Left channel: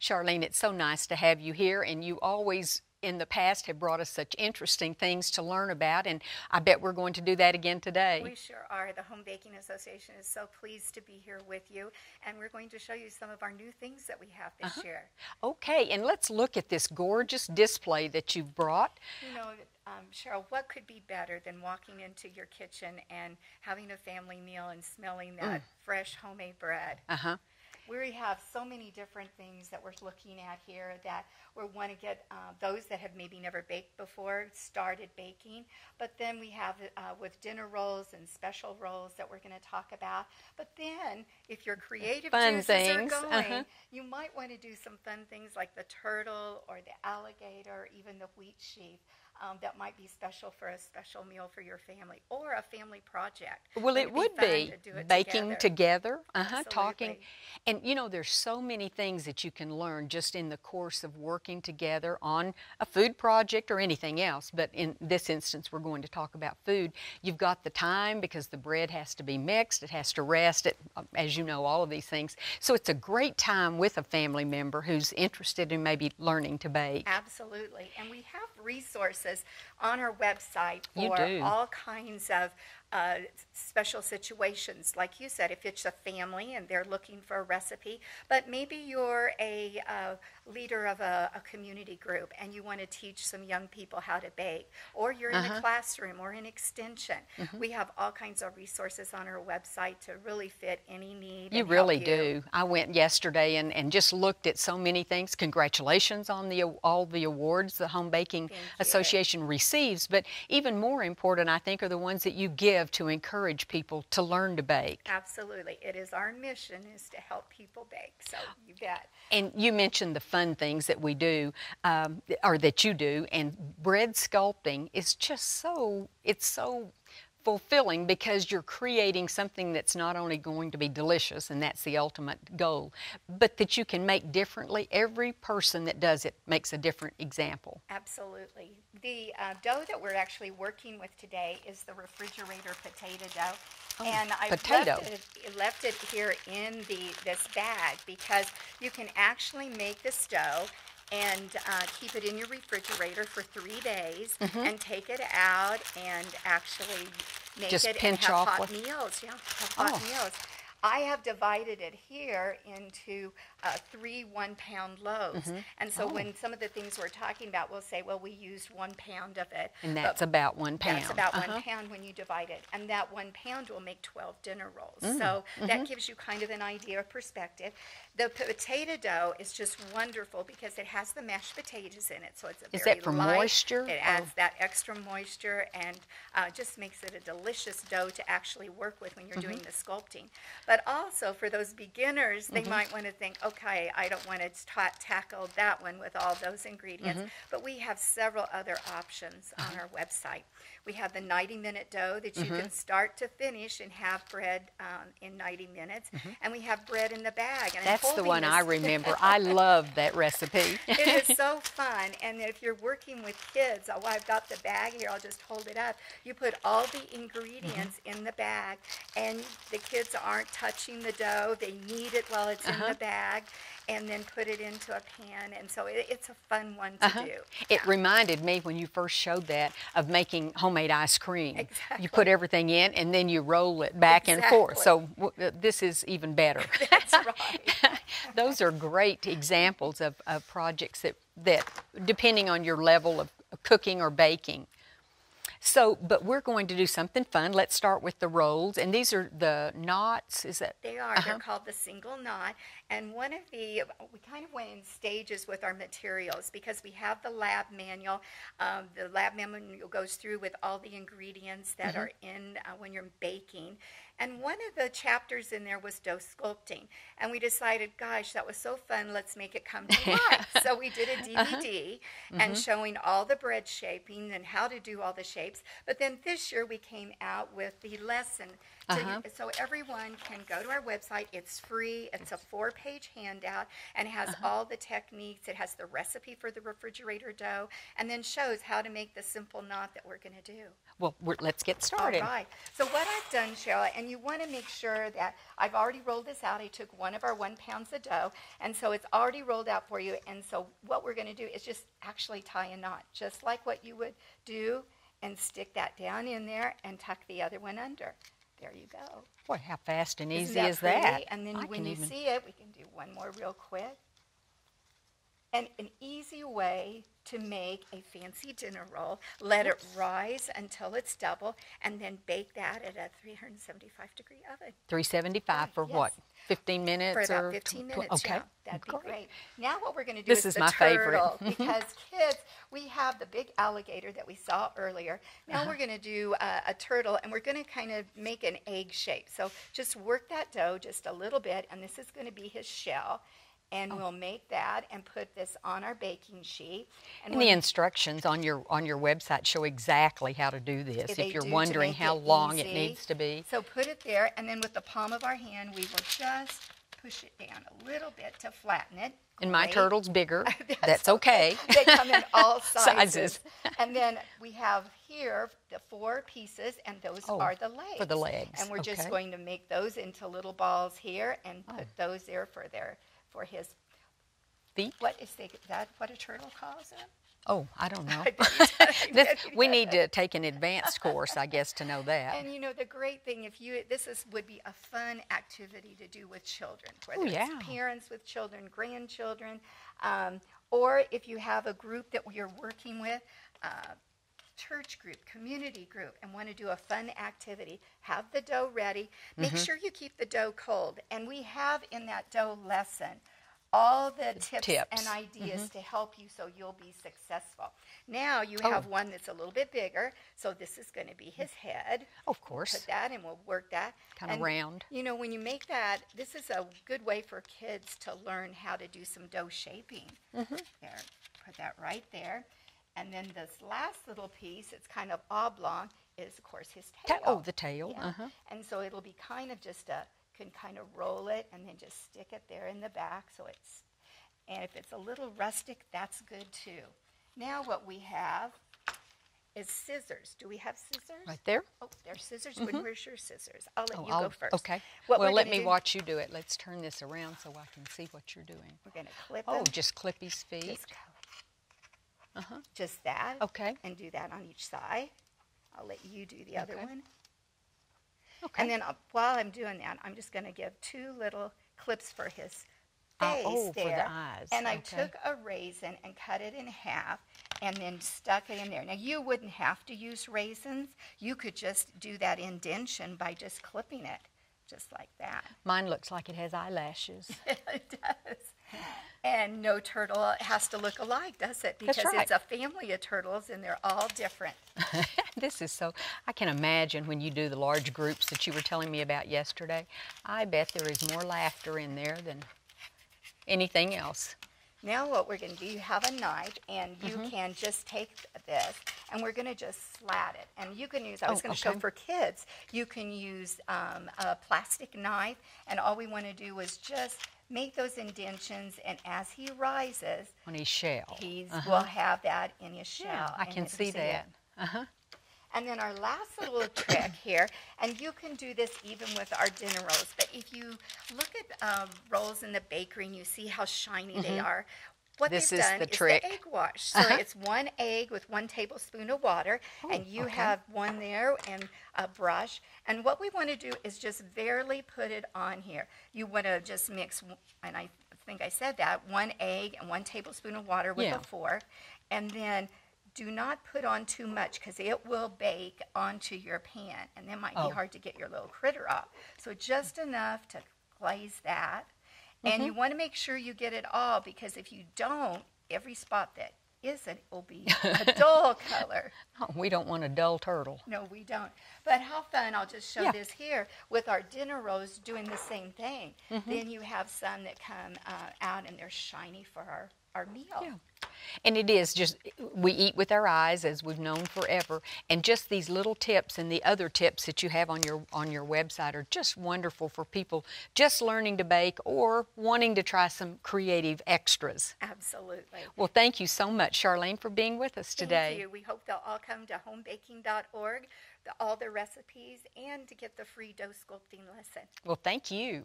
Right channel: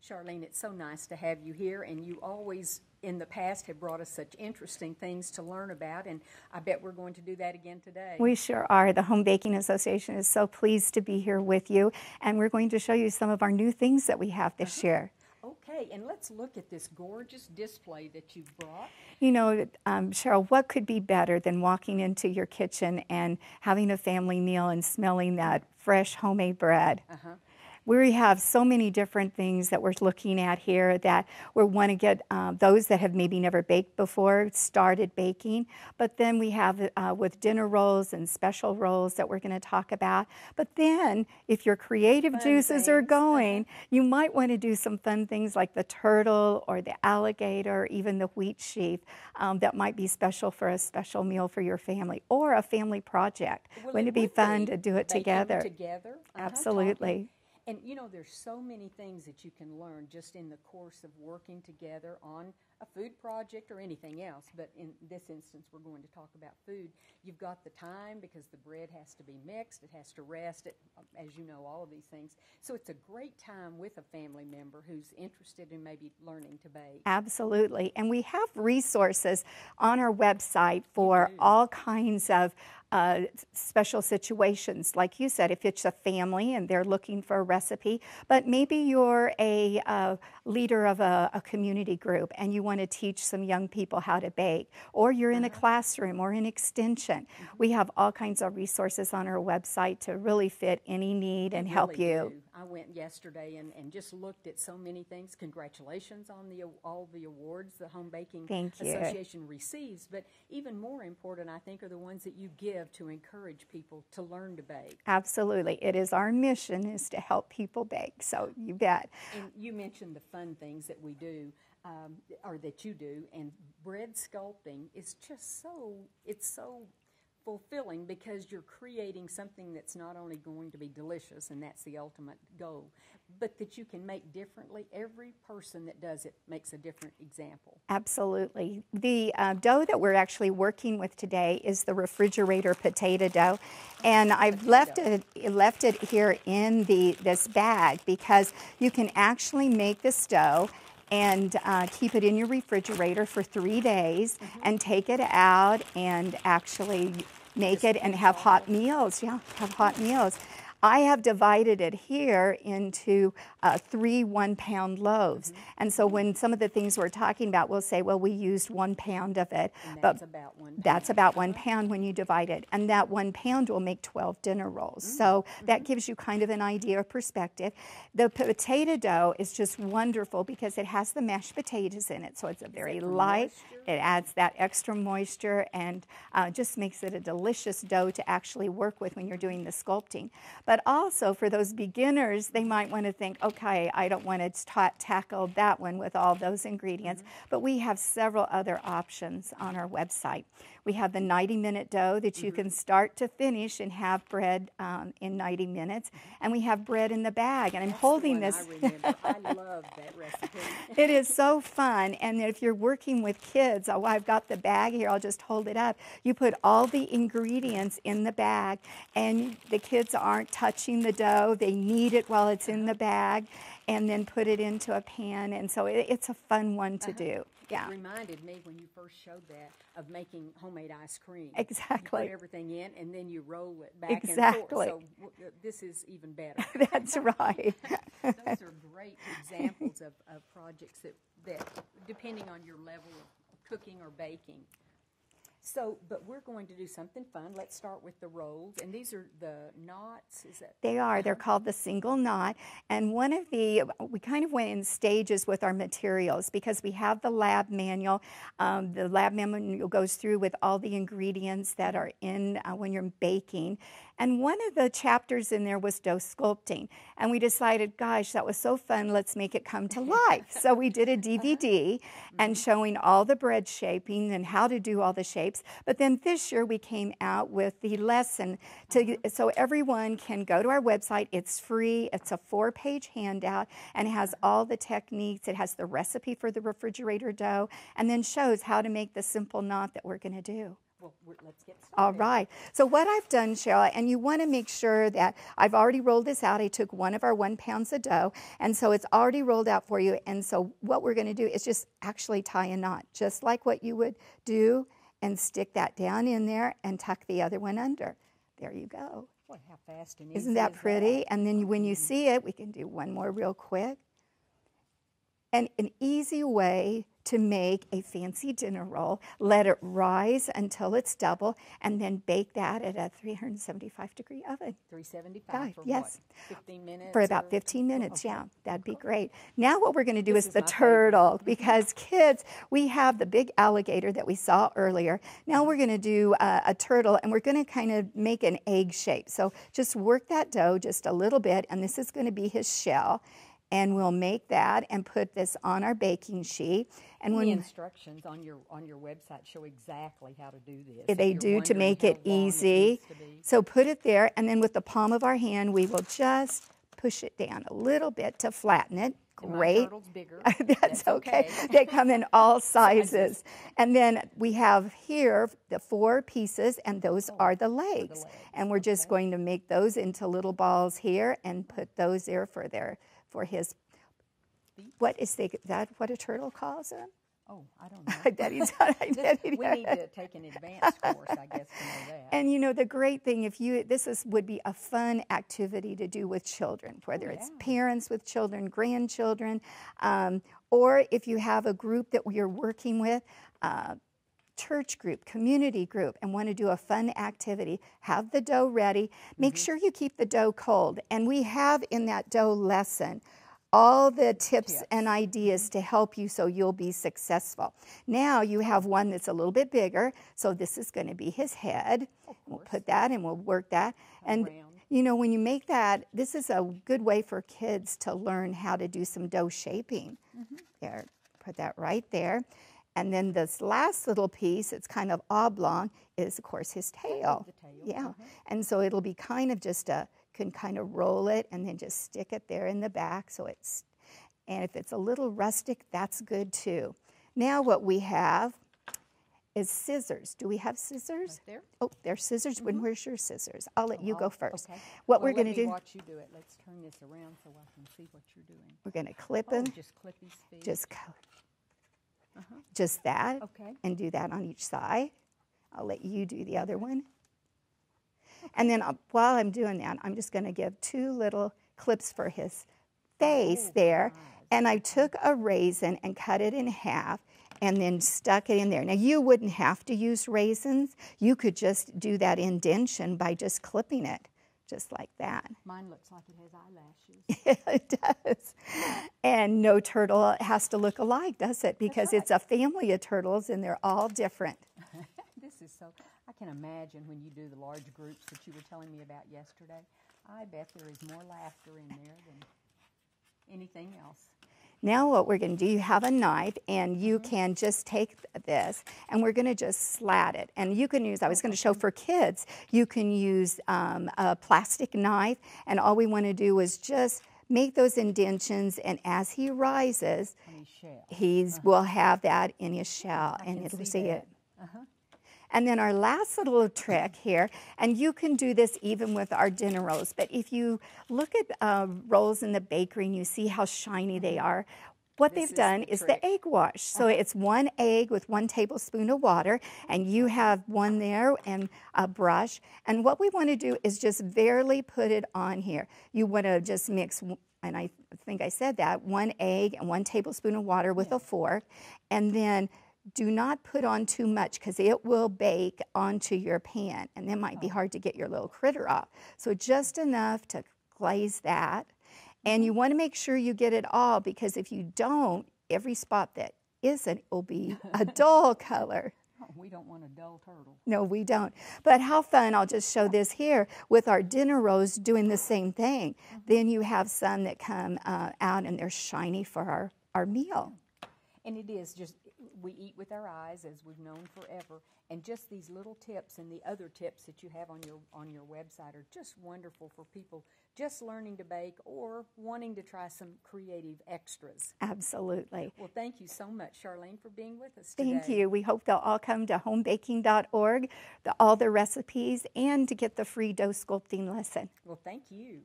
Charlene, it's so nice to have you here, and you always in the past have brought us such interesting things to learn about, and I bet we're going to do that again today. We sure are. The Home Baking Association is so pleased to be here with you, and we're going to show you some of our new things that we have this year. Okay, and let's look at this gorgeous display that you've brought. You know, Cheryl, what could be better than walking into your kitchen and having a family meal and smelling that fresh homemade bread? We have so many different things that we're looking at here that we want to get those that have maybe never baked before started baking. But then we have with dinner rolls and special rolls that we're going to talk about. But then if your creative juices are going, you might want to do some fun things like the turtle or the alligator, or even the wheat sheaf that might be special for a special meal for your family or a family project. Well, it would be fun to do it baking together. Absolutely. Talking. And you know, there's so many things that you can learn just in the course of working together on a food project or anything else. But in this instance, we're going to talk about food. You've got the time because the bread has to be mixed, it has to rest, as you know, all of these things. So it's a great time with a family member who's interested in maybe learning to bake. Absolutely. And we have resources on our website for all kinds of special situations. Like you said, if it's a family and they're looking for a recipe, but maybe you're a leader of a community group and you want to teach some young people how to bake, or you're in a classroom or in extension. We have all kinds of resources on our website to really fit any need and help you. You really do. I went yesterday and just looked at so many things. Congratulations on all the awards the Home Baking Association receives, but even more important, I think, are the ones that you give to encourage people to learn to bake. Absolutely. It is our mission is to help people bake, so you bet. And you mentioned the fun things that we do, or that you do, and bread sculpting is just so fulfilling because you're creating something that's not only going to be delicious, and that's the ultimate goal, but that you can make differently. Every person that does it makes a different example. Absolutely. The dough that we're actually working with today is the refrigerator potato dough, and I've left it here in this bag because you can actually make this dough and keep it in your refrigerator for 3 days and take it out and actually make just it and have hot meals. Yeah, have hot meals. I have divided it here into 3 1-pound loaves. And so when some of the things we're talking about, we'll say, well, we used 1 pound of it. And that's about 1 pound. That's about 1 pound when you divide it. And that 1 pound will make 12 dinner rolls. So that gives you kind of an idea of perspective. The potato dough is just wonderful because it has the mashed potatoes in it. So it's a very light. Moisture? It adds that extra moisture and just makes it a delicious dough to actually work with when you're doing the sculpting. But also for those beginners, they might want to think, okay, I don't want to tackle that one with all those ingredients, but we have several other options on our website. We have the 90-minute dough that you can start to finish and have bread in 90 minutes, and we have bread in the bag. And that's the one I remember. I love that recipe. It is so fun, and if you're working with kids, I've got the bag here, I'll just hold it up. You put all the ingredients in the bag, and the kids aren't touching the dough. They knead it while it's in the bag, and then put it into a pan, and so it's a fun one to do. It reminded me when you first showed that of making homemade ice cream. Exactly. You put everything in and then you roll it back and forth. So this is even better. That's right. Those are great examples of projects that depending on your level of cooking or baking. So, but we're going to do something fun. Let's start with the rolls, and these are the knots, is that? They are. They're called the single knot, and we kind of went in stages with our materials because we have the lab manual. The lab manual goes through with all the ingredients that are in when you're baking. And one of the chapters in there was dough sculpting. And we decided, gosh, that was so fun, let's make it come to life. So we did a DVD and showing all the bread shaping and how to do all the shapes. But then this year we came out with the lesson so everyone can go to our website. It's free. It's a 4-page handout and it has all the techniques. It has the recipe for the refrigerator dough and then shows how to make the simple knot that we're going to do. Well, let's get All started. right. So what I've done, Cheryl, and you want to make sure that I've already rolled this out. I took one of our 1 pounds of dough, and so it's already rolled out for you. And so what we're going to do is just actually tie a knot, just like what you would do, and stick that down in there and tuck the other one under. There you go. Boy, how fast and easy Isn't that is pretty? that? And then when you see it, we can do one more real quick. And an easy way to make a fancy dinner roll, let it rise until it's double, and then bake that at a 375-degree oven. 375 Right, for yes. what? 15 minutes? For about or 15 minutes, okay. yeah. That'd be great. Now what we're going to do This is is the my turtle, favorite. because kids, we have the big alligator that we saw earlier. Now we're going to do a turtle, and we're going to kind of make an egg shape. So just work that dough just a little bit, and this is going to be his shell. And we'll make that and put this on our baking sheet. And the instructions on your website show exactly how to do this. They if do you're wondering to make how it long easy. it needs to be. So put it there, and then with the palm of our hand, we will just push it down a little bit to flatten it. And my Great. turtle's bigger. That's okay. They come in all sizes. Sizes. And then we have here the 4 pieces, and those are the legs. For the legs. And we're just going to make those into little balls here and put those there for his feet. What is that? What a turtle calls them? Oh, I don't know. We need to take an advanced course, I guess, to know that. And you know, the great thing, would be a fun activity to do with children, whether it's parents with children, grandchildren, or if you have a group that you're working with, church group, community group, and want to do a fun activity, have the dough ready. Make sure you keep the dough cold. And we have in that dough lesson all the tips and ideas to help you so you'll be successful. Now you have one that's a little bit bigger, so this is going to be his head. Of course. We'll put that and we'll work that. Kind of round. You know, when you make that, this is a good way for kids to learn how to do some dough shaping. There, put that right there. And then this last little piece, it's kind of oblong, is of course his tail. Oh, the tail. Yeah. And so it'll be kind of just can kind of roll it and then just stick it there in the back and if it's a little rustic, that's good too. Now what we have is scissors. Do we have scissors? Right there. Oh, there's scissors. Where's your scissors? I'll let you go first. Okay. Well, let me watch you do it. Let's turn this around so I can see what you're doing. We're going to clip them. Oh, just clip his feet. Just that. Okay. And do that on each side. I'll let you do the other one. And then while I'm doing that, I'm just going to give 2 little clips for his face there. For the eyes. And I took a raisin and cut it in half and then stuck it in there. Now, you wouldn't have to use raisins. You could just do that indentation by just clipping it, just like that. Mine looks like it has eyelashes. It does. And no turtle has to look alike, does it? Because it's a family of turtles, and they're all different. This is so, I can imagine when you do the large groups that you were telling me about yesterday, I bet there is more laughter in there than anything else. Now what we're going to do, you have a knife, and you can just take this, and we're going to just slat it. And you can use, I was going to show for kids, you can use a plastic knife, and all we want to do is just make those indentions, and as he rises, on his shell, will have that in his shell. Yeah, I can see that. And then our last little trick here, and you can do this even with our dinner rolls, but if you look at rolls in the bakery and you see how shiny they are, what they've done is the egg wash. So it's 1 egg with 1 tablespoon of water, and you have one there and a brush. And what we want to do is just barely put it on here. You want to just mix, and I think I said that, 1 egg and 1 tablespoon of water with a fork, and then do not put on too much because it will bake onto your pan, and then might be hard to get your little critter off. So just enough to glaze that. And you want to make sure you get it all, because if you don't, every spot that isn't will be a dull color. Oh, we don't want a dull turtle. No, we don't. But how fun, I'll just show this here, with our dinner rolls doing the same thing. Then you have some that come out and they're shiny for our meal. And it is just, we eat with our eyes, as we've known forever, and just these little tips and the other tips that you have on your website are just wonderful for people just learning to bake or wanting to try some creative extras. Absolutely. Well, thank you so much, Charlene, for being with us today. Thank you. We hope they'll all come to homebaking.org, all the recipes, and to get the free dough sculpting lesson. Well, thank you.